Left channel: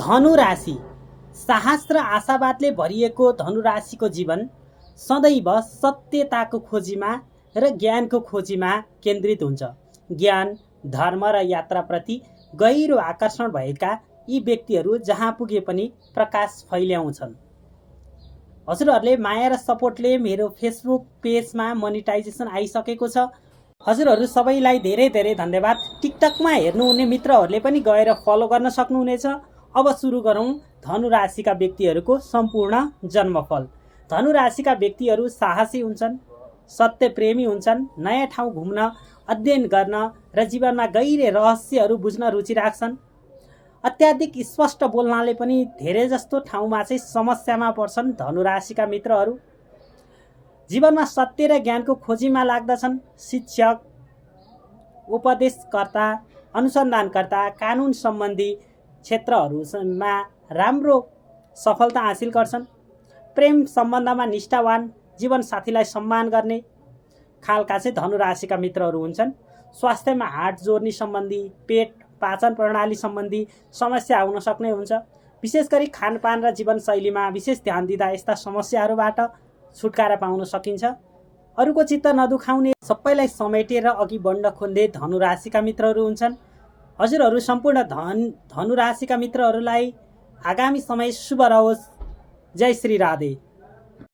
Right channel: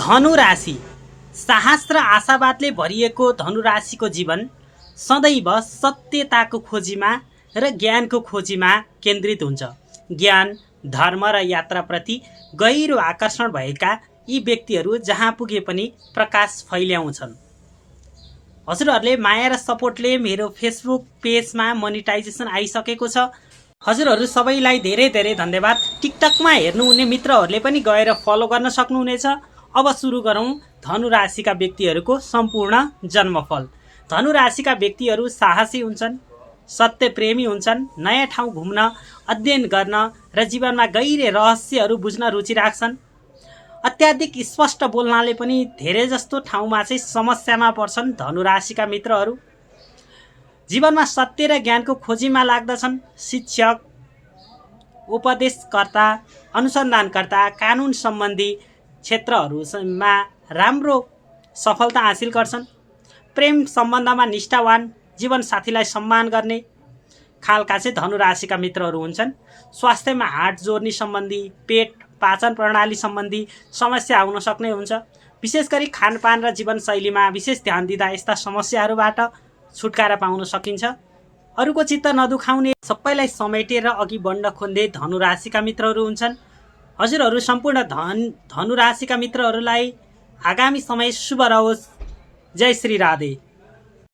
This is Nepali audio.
धनु राशि साहस र आशावादले भरिएको धनु राशिको जीवन सदैव सत्यताको खोजीमा र ज्ञानको खोजीमा केन्द्रित हुन्छ। ज्ञान, धर्म र यात्राप्रति गहिरो आकर्षण भएका यी व्यक्तिहरू जहाँ पुगे पनि प्रकाश फैल्याउँछन्। हजुरहरूले माया र सपोर्टले मेरो फेसबुक पेजमा मोनिटाइजेसन आइसकेको छ। हजुरहरू सबैलाई धेरै धेरै धन्यवाद। टिकटकमा हेर्नुहुने मित्रहरूले पनि गएर फलो गर्न सक्नुहुनेछ। अब सुरु गरौँ धनु राशिका व्यक्तिहरूको सम्पूर्ण जन्मफल। धनु राशिका व्यक्तिहरू साहसी हुन्छन्, सत्यप्रेमी हुन्छन्, नयाँ ठाउँ घुम्न, अध्ययन गर्न र जीवनमा गहिरो रहस्यहरू बुझ्न रुचि राख्छन्। अत्याधिक स्पष्ट बोल्नाले पनि धेरै जस्तो ठाउँमा चाहिँ समस्यामा पर्छन्। धनु राशिका मित्रहरू जीवनमा सत्य र ज्ञानको खोजीमा लाग्दछन्। शिक्षक, उपदेशकर्ता, अनुसन्धानकर्ता, कानुन सम्बन्धी क्षेत्रहरूमा राम्रो सफलता हासिल गर्छन्। प्रेम सम्बन्धमा निष्ठावान, जीवनसाथीलाई सम्मान गर्ने खालका चाहिँ धनु राशिका मित्रहरू हुन्छन्। स्वास्थ्यमा हार्ट जोर्नी सम्बन्धी, पेट, पाचन प्रणाली सम्बन्धी समस्या आउन सक्ने हुन्छ। विशेष गरी खानपान र जीवनशैलीमा विशेष ध्यान दिँदा यस्ता समस्याहरूबाट छुटकारा पाउन सकिन्छ। अरूको चित्त नदुखाउने, सबैलाई समेटेर अघि बढ्न खोज्ने धनु राशिका मित्रहरू हुन्छन्। हजुरहरू सम्पूर्ण धनु राशिका मित्रहरूलाई आगामी समय शुभ रहोस्। जय श्री राधे।